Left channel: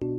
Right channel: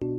Let's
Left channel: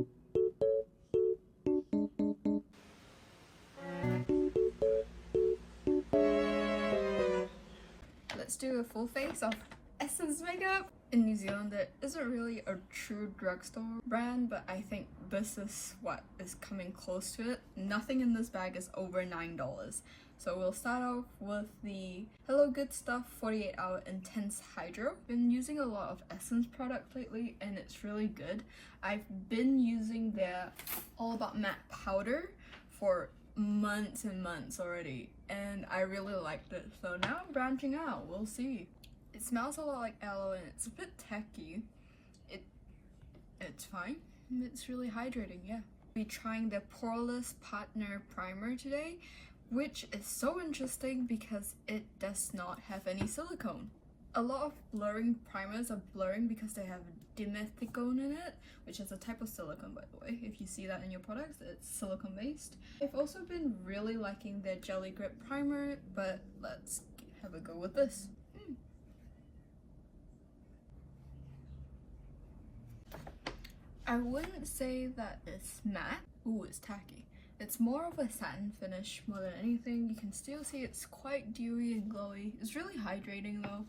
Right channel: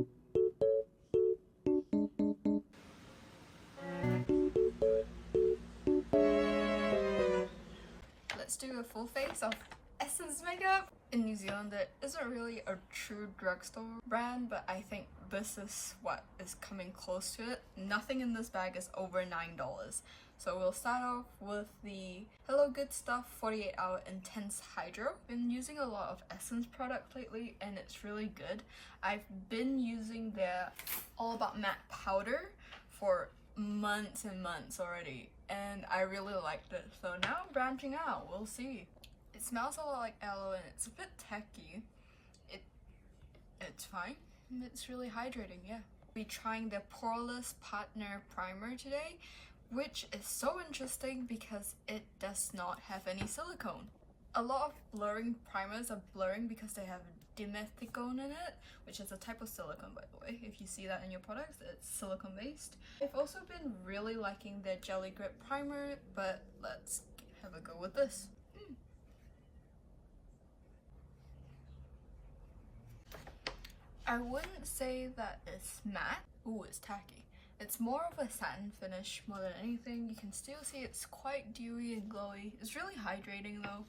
do a full face of Essence makeup. In New Zealand, there isn't really a true drugstore brand, but I think this is what is coming close to it. Nothing in this bag is over $9. So we'll start off with the Hello Good Stuff 48 Hour Intense Hydro. Been using a lot of Essence products lately and it's really good. I've been using their All About Matte powder for months and months already and I really liked it. So now I'm branching out, we'll see. It smells a lot like aloe and it's a bit tacky. It's fine. It's really hydrating, yeah. We'll be trying the Poreless Partner Primer today, which is so interesting because it does not have any silicone. A lot of blurring primers are blurring because they have dimethicone in it, which is a type of silicone, by the way. If you see that in your products, it's silicone based. I've also been really liking their Jelly Grip Primer, but let's have a go with this. I wouldn't say that it's matte. Ooh, it's tacky. It's more of a satin finish more than anything. You can still see it's quite dewy and glowy. It's really hydrating though.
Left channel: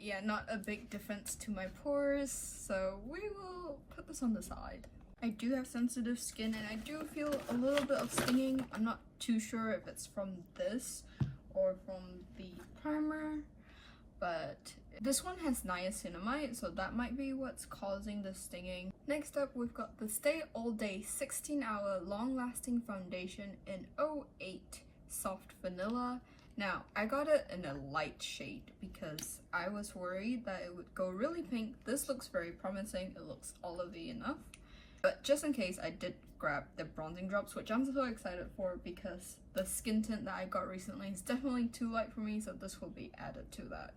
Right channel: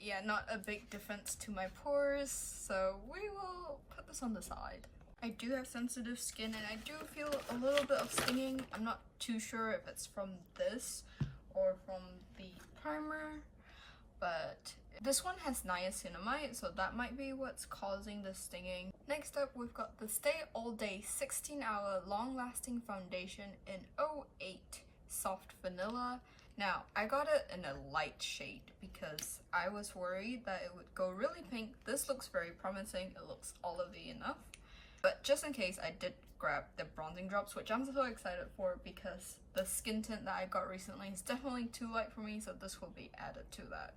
Yeah, not a big difference to my pores, so we will put this on the side. I do have sensitive skin and I do feel a little bit of stinging. I'm not too sure if it's from this or from the primer, but this one has niacinamide, so that might be what's causing the stinging. Next up, we've got the Stay All Day 16-Hour Long-Lasting Foundation in 08 Soft Vanilla. Now, I got it in a light shade because I was worried that it would go really pink. This looks very promising. It looks olivey enough. But just in case, I did grab the bronzing drops, which I'm so excited for because the skin tint that I got recently is definitely too light for me, so this will be added to that.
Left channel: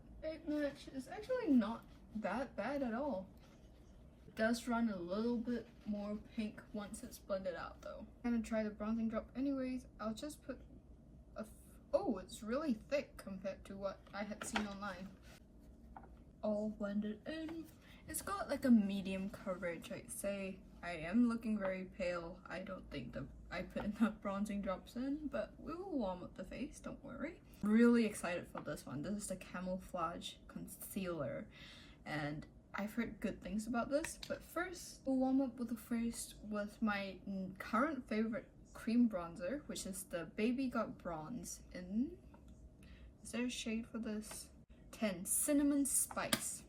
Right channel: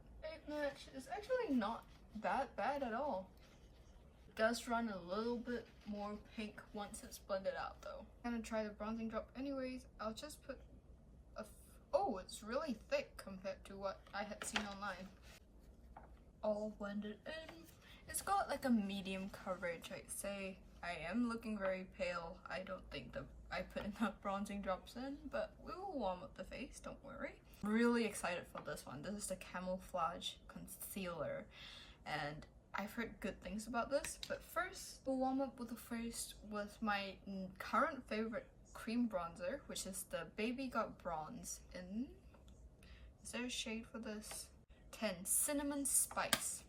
Match is actually not that bad at all. It does run a little bit more pink once it's blended out though. I'm gonna try the bronzing drop anyways. I'll just put a oh, it's really thick compared to what I had seen online. All blended in. It's got like a medium coverage, I'd say. I am looking very pale. I don't think that I put enough bronzing drops in, but we will warm up the face, don't worry. Really excited for this one. This is the Camouflage Concealer and I've heard good things about this, but first we'll warm up with my current favorite cream bronzer, which is the Baby Got Bronze in, is there a shade for this? 10 Cinnamon Spice.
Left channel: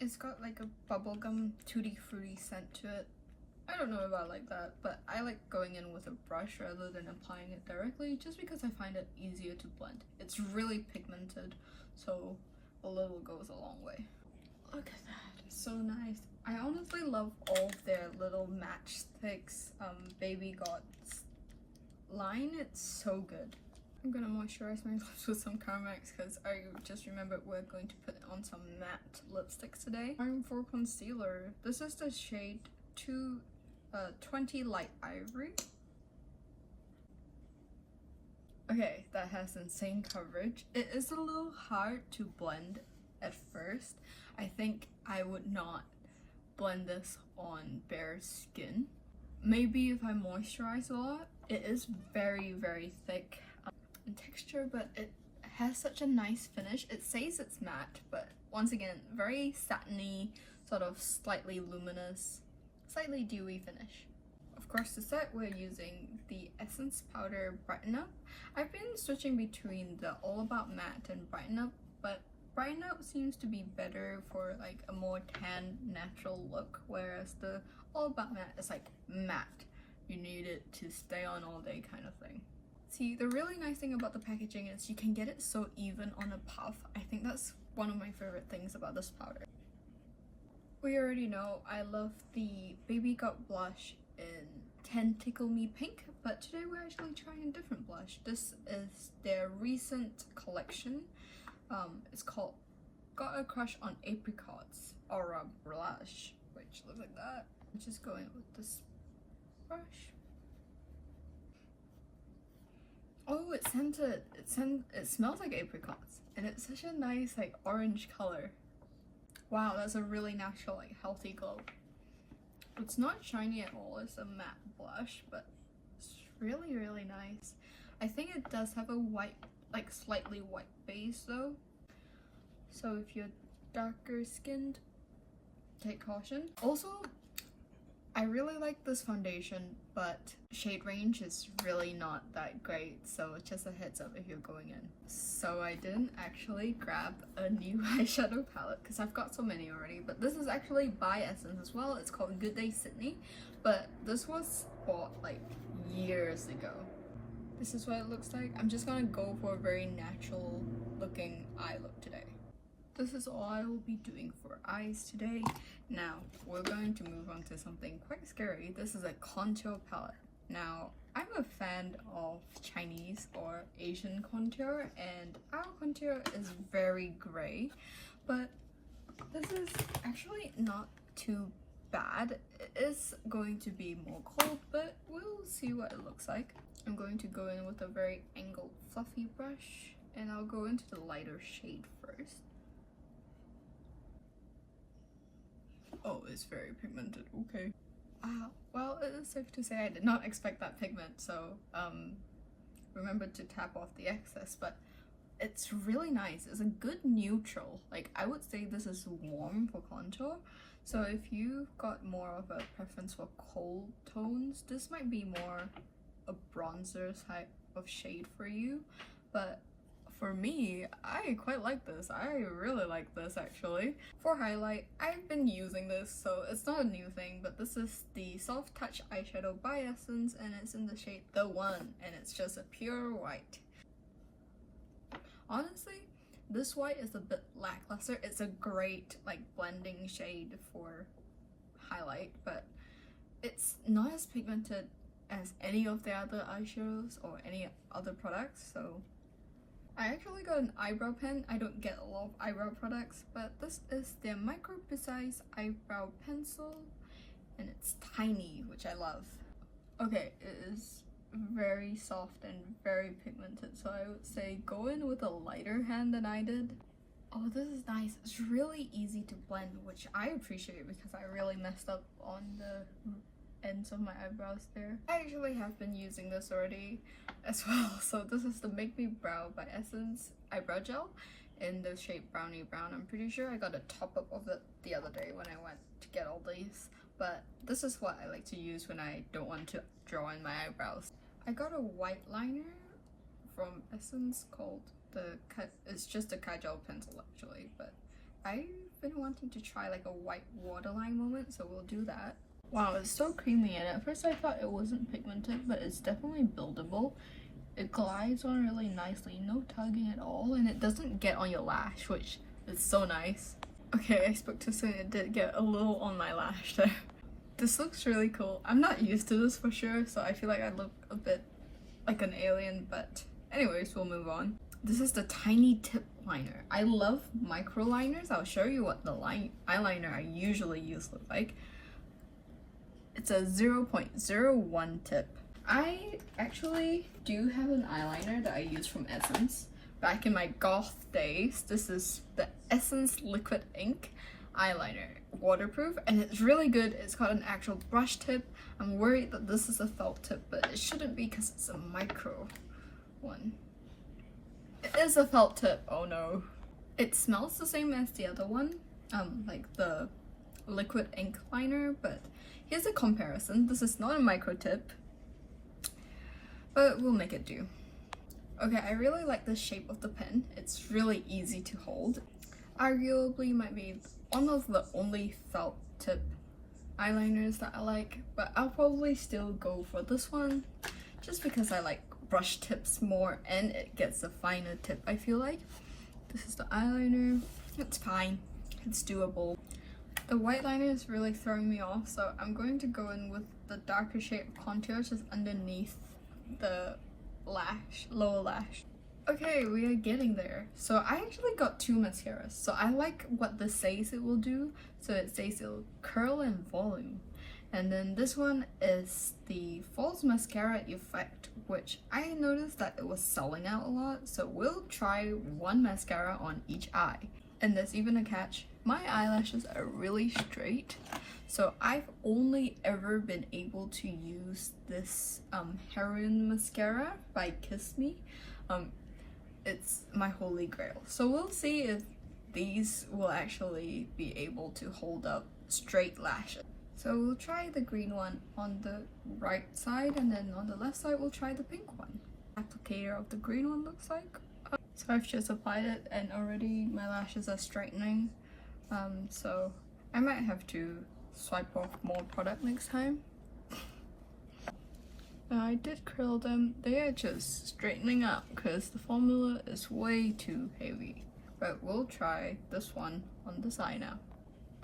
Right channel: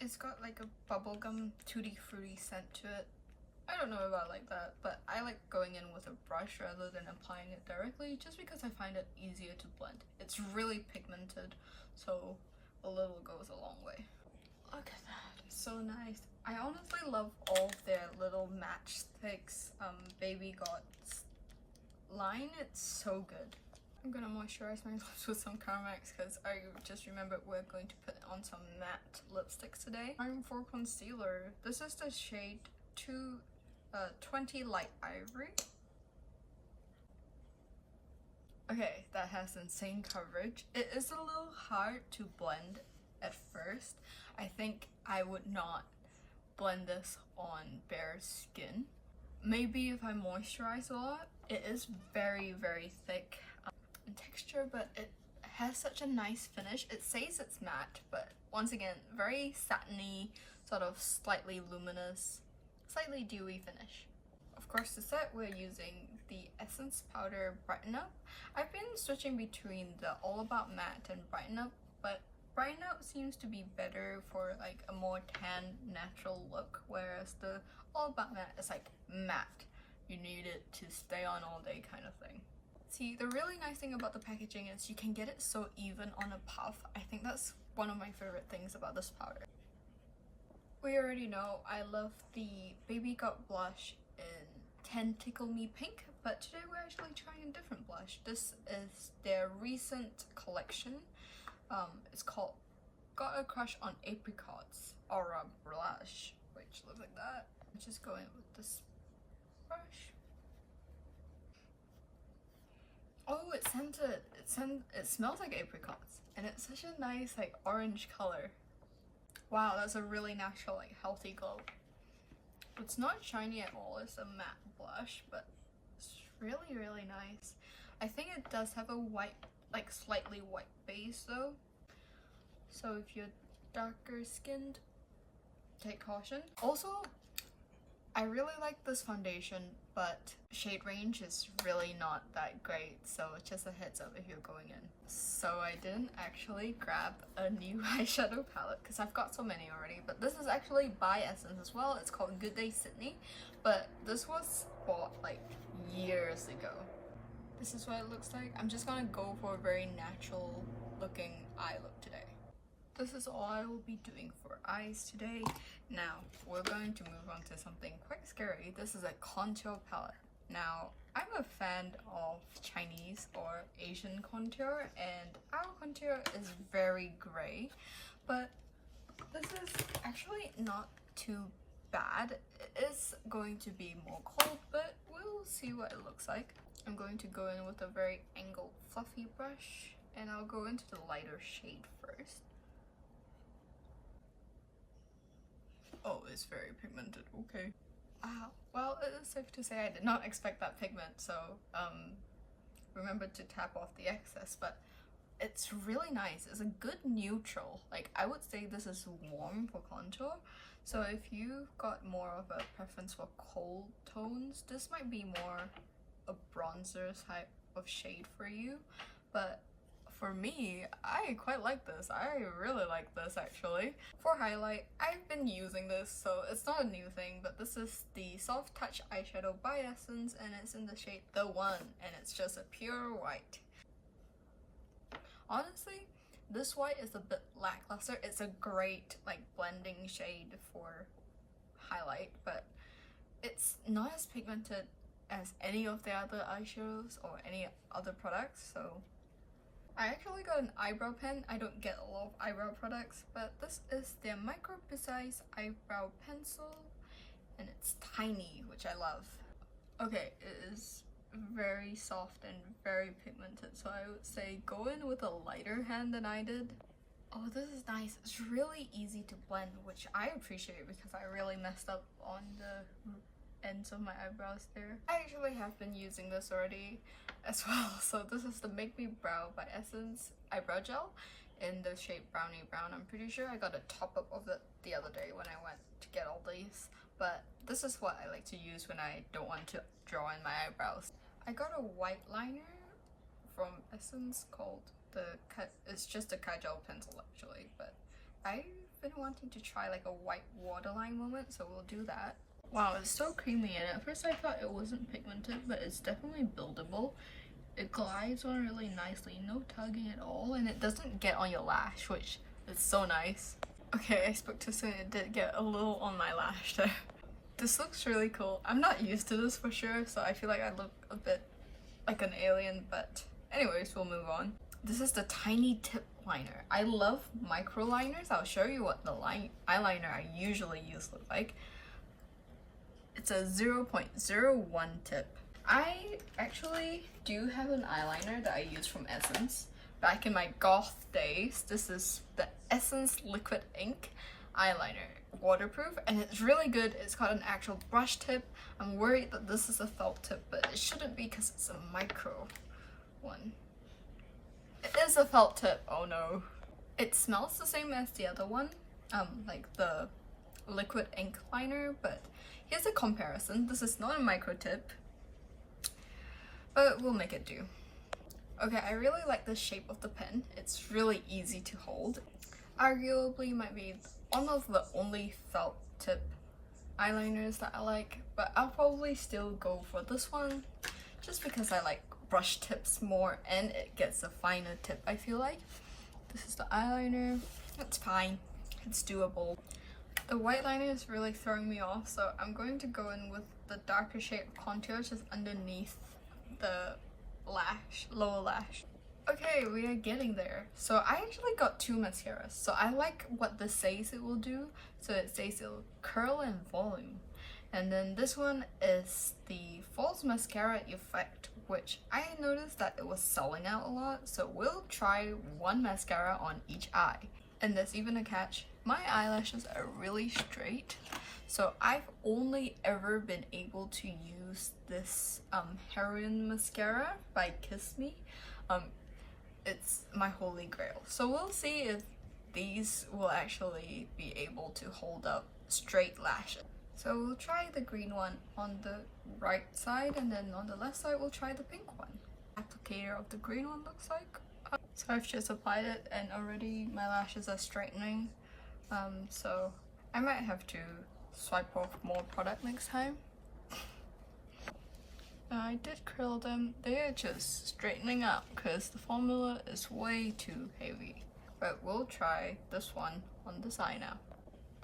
It's got like a bubblegum tutti fruity scent to it. I don't know if I like that, but I like going in with a brush rather than applying it directly just because I find it easier to blend. It's really pigmented, so a little goes a long way. Look at that, it's so nice. I honestly love all their little matchsticks Baby Got line. It's so good. I'm gonna moisturize my lips with some Carmex because I just remembered we're going to put on some matte lipsticks today. I'm for concealer. This is the shade 220 Light Ivory. Okay, that has insane coverage. It is a little hard to blend at first. I think I would not blend this on bare skin. Maybe if I moisturize a lot. It is very, very thick in texture, but it has such a nice finish. It says it's matte, but once again, very satiny, sort of slightly luminous, slightly dewy finish. Of course, to set, we're using the Essence Powder Brighten Up. I've been switching between the All About Matte and Brighten Up, but Brighten Up seems to be better for like a more tan, natural look, whereas the All About Matte is like matte. You need it to stay on all day kind of thing. See, the really nice thing about the packaging is you can get it so even on a puff. I think that's one of my favorite things about this powder. We already know I love the Baby Got blush in 10 Tickle Me Pink, but today we're actually trying a different blush. This is their recent collection. It's called Got a Crush on Apricots Aura Blush, which looks like that. I'm just going with this brush. Oh, it's scented. It smells like apricots, and it's such a nice like orange color. Wow, that's a really natural, like healthy glow. it's not shiny at all, it's a matte blush, but it's really nice. I think it does have a white, like slightly white base though. So if you're darker skinned, take caution. Also, I really like this foundation, but shade range is really not that great, so just a heads up if you're going in. So I didn't actually grab a new eyeshadow palette because I've got so many already, but this is actually by Essence as well. It's called Good Day Sydney, but this was bought like years ago. This is what it looks like. I'm just gonna go for a very natural looking eye look today. This is all I will be doing for eyes today. Now, we're going to move on to something quite scary. This is a contour palette. Now, I'm a fan of Chinese or Asian contour, and our contour is very grey, but this is actually not too bad. It is going to be more cold, but we'll see what it looks like. I'm going to go in with a very angled fluffy brush, and I'll go into the lighter shade first. Oh, it's very pigmented, okay. Well, it is safe to say I did not expect that pigment, so remember to tap off the excess, but it's really nice. It's a good neutral. Like, I would say this is warm for contour, so if you've got more of a preference for cold tones, this might be more a bronzer type of shade for you, but for me, I quite like this. I really like this actually. For highlight, I've been using this, so it's not a new thing, but this is the Soft Touch eyeshadow by Essence, and it's in the shade The One, and it's just a pure white. Honestly, this white is a bit lackluster. It's a great like blending shade for highlight, but it's not as pigmented as any of the other eyeshadows or any other products, so I actually got an eyebrow pen. I don't get a lot of eyebrow products, but this is their Micro Precise eyebrow pencil, and it's tiny, which I love. Okay, it is very soft and very pigmented, so I would say go in with a lighter hand than I did. Oh, this is nice. It's really easy to blend, which I appreciate because I really messed up on the ends of my eyebrows there. I actually have been using this already as well. So this is the Make Me Brow by Essence eyebrow gel in the shade Brownie Brown. I'm pretty sure I got a top up of it the other day when I went to get all these, but this is what I like to use when I don't want to draw in my eyebrows. I got a white liner from Essence called it's just a Kajal pencil actually, but I've been wanting to try like a white waterline moment, so we'll do that. Wow, it's so creamy, and at first I thought it wasn't pigmented, but it's definitely buildable. It glides on really nicely, no tugging at all, and it doesn't get on your lash, which is so nice. Okay, I spoke too soon. It did get a little on my lash there. This looks really cool. I'm not used to this for sure, so I feel like I look a bit like an alien, but anyways, we'll move on. This is the Tiny Tip Liner. I love micro liners. I'll show you what the eyeliner I usually use look like. It's a 0.01 tip. I actually do have an eyeliner that I use from Essence. Back in my goth days, this is the Essence Liquid Ink eyeliner. Waterproof, and it's really good. It's got an actual brush tip. I'm worried that this is a felt tip, but it shouldn't be because it's a micro one. It is a felt tip, oh no. It smells the same as the other one, like the liquid ink liner, but here's a comparison. This is not a micro tip, but we'll make it do. Okay, I really like the shape of the pen. It's really easy to hold. Arguably might be one of the only felt tip eyeliners that I like, but I'll probably still go for this one just because I like brush tips more and it gets a finer tip, I feel like. This is the eyeliner. It's fine. It's doable. The white liner is really throwing me off, so I'm going to go in with the darker shade of contour just underneath the lash, lower lash. Okay, we are getting there. So I actually got two mascaras. So I like what this says it will do. So it says it will curl and volume. And then this one is the false mascara effect, which I noticed that it was selling out a lot. So we'll try one mascara on each eye. And there's even a catch. My eyelashes are really straight, So I've only ever been able to use this Heroin mascara by Kiss Me. It's my holy grail. So we'll see if these will actually be able to hold up straight lashes. So we'll try the green one on the right side, and then on the left side we'll try the pink one. Applicator of the green one looks like. So I've just applied it and already my lashes are straightening. So I might have to swipe off more product next time. I did curl them. They are just straightening up because the formula is way too heavy. But we'll try this one on the side now.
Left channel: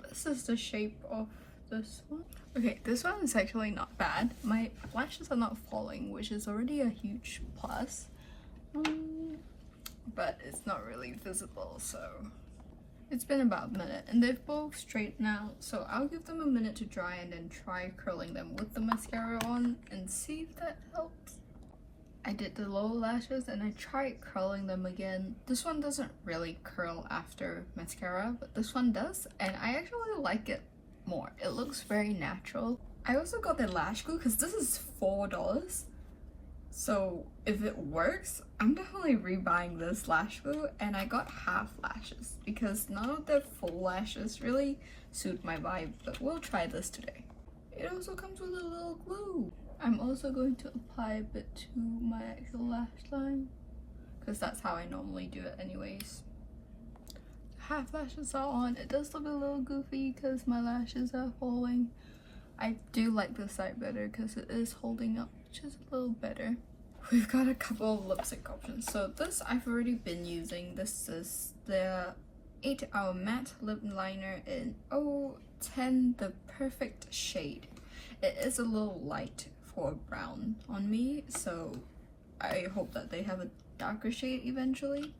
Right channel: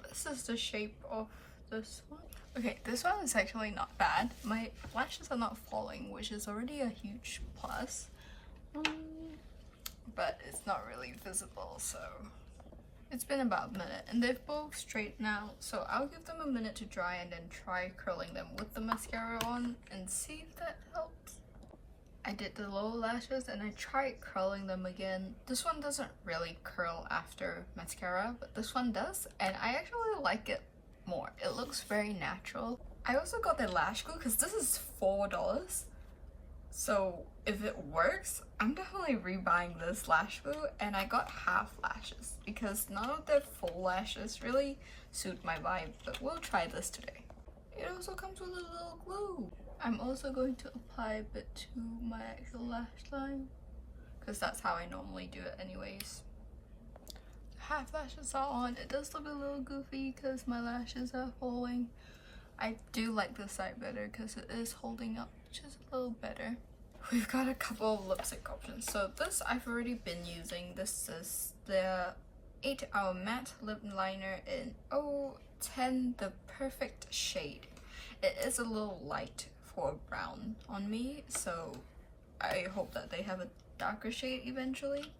This is the shape of this one. Okay, this one is actually not bad. My lashes are not falling, which is already a huge plus. But it's not really visible, so it's been about a minute and they've both straightened out, so I'll give them a minute to dry and then try curling them with the mascara on and see if that helps. I did the lower lashes and I tried curling them again. This one doesn't really curl after mascara, but this one does, and I actually like it more. It looks very natural. I also got the lash glue because this is $4. So if it works, I'm definitely rebuying this lash glue, and I got half lashes because none of the full lashes really suit my vibe, but we'll try this today. It also comes with a little glue. I'm also going to apply a bit to my actual lash line because that's how I normally do it anyways. Half lashes are on. It does look a little goofy because my lashes are falling. I do like this side better because it is holding up just a little better. We've got a couple of lipstick options. So this I've already been using. This is the 8 Hour Matte Lip Liner in 010, the perfect shade. It is a little light for brown on me, so I hope that they have a darker shade eventually.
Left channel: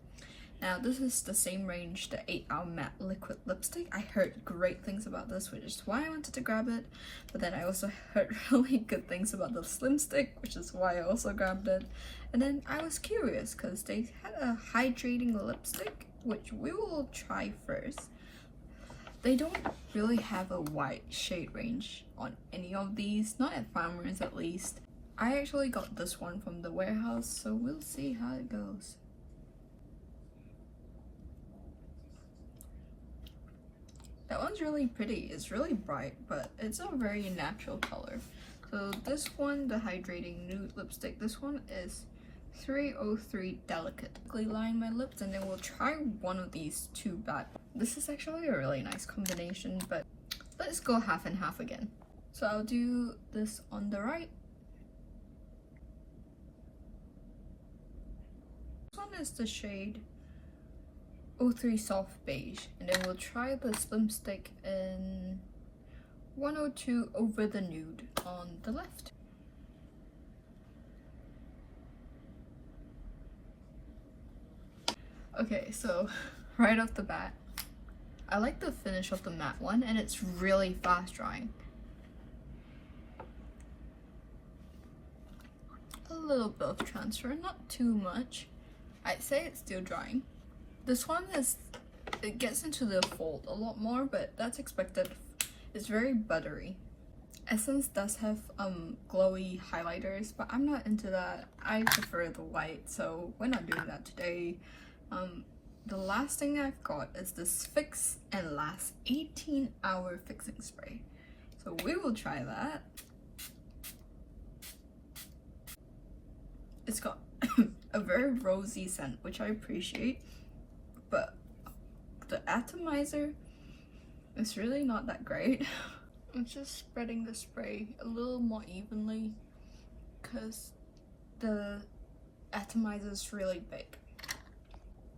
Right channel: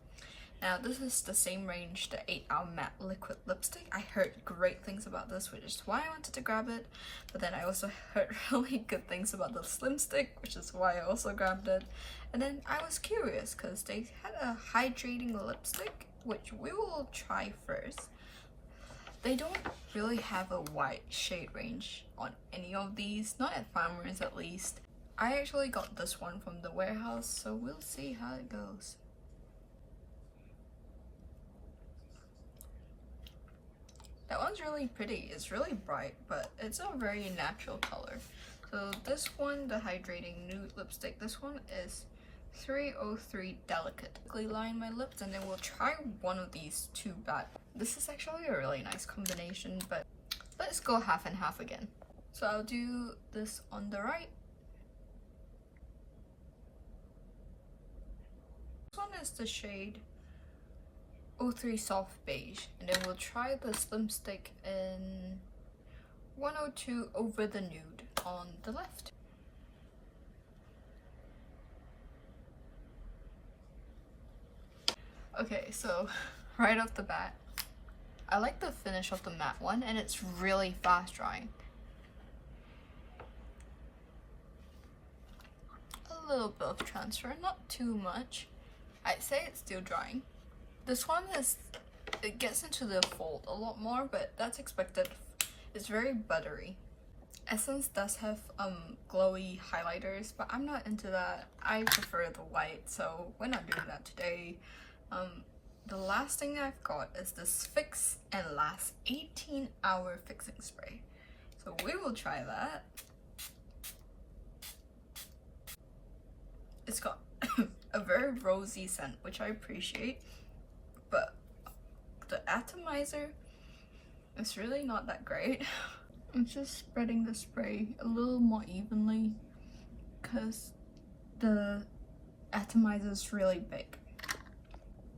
Now this is the same range, the 8 Hour Matte Liquid Lipstick. I heard great things about this, which is why I wanted to grab it. But then I also heard really good things about the Slim Stick, which is why I also grabbed it. And then I was curious because they had a hydrating lipstick, which we will try first. They don't really have a wide shade range on any of these, not at Farmers at least. I actually got this one from the warehouse, so we'll see how it goes. That one's really pretty. It's really bright, but it's a very natural color. So this one, the hydrating nude lipstick, this one is 303 Delicate. Line my lips, and then we'll try one of these two back. This is actually a really nice combination, but let's go half and half again. So I'll do this on the right. This one is the shade 03 Soft Beige, and then we'll try the Slim Stick in 102 Over the Nude on the left. Okay, so right off the bat, I like the finish of the matte one, and it's really fast drying. A little bit of transfer, not too much. I'd say it's still drying. This one it gets into the fold a lot more, but that's expected. It's very buttery. Essence does have glowy highlighters, but I'm not into that. I prefer the light, so we're not doing that today. The last thing I've got is this Fix and Last 18-hour fixing spray. So we will try that. It's got a very rosy scent, which I appreciate, but the atomizer is really not that great. I'm just spreading the spray a little more evenly because the atomizer is really big.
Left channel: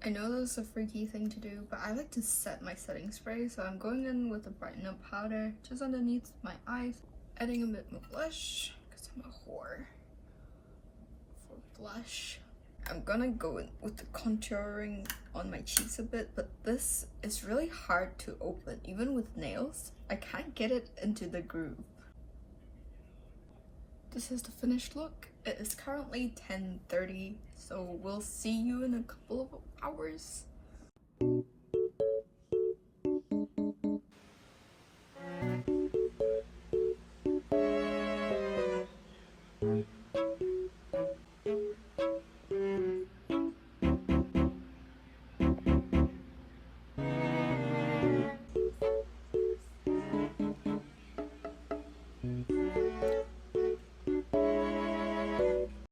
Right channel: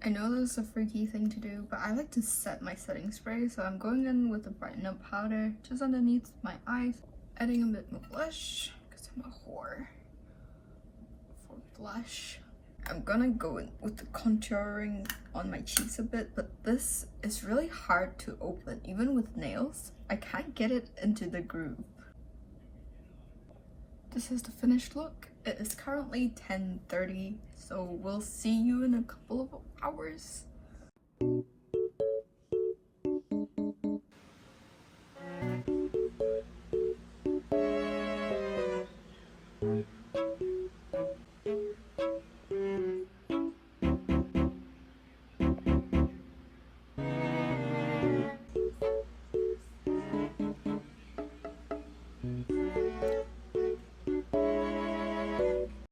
I know this is a freaky thing to do, but I like to set my setting spray, so I'm going in with the Brighten Up powder just underneath my eyes, adding a bit more blush because I'm a whore for blush. I'm gonna go in with the contouring on my cheeks a bit, but this is really hard to open. Even with nails, I can't get it into the groove. This is the finished look. It is currently 10:30, so we'll see you in a couple of hours.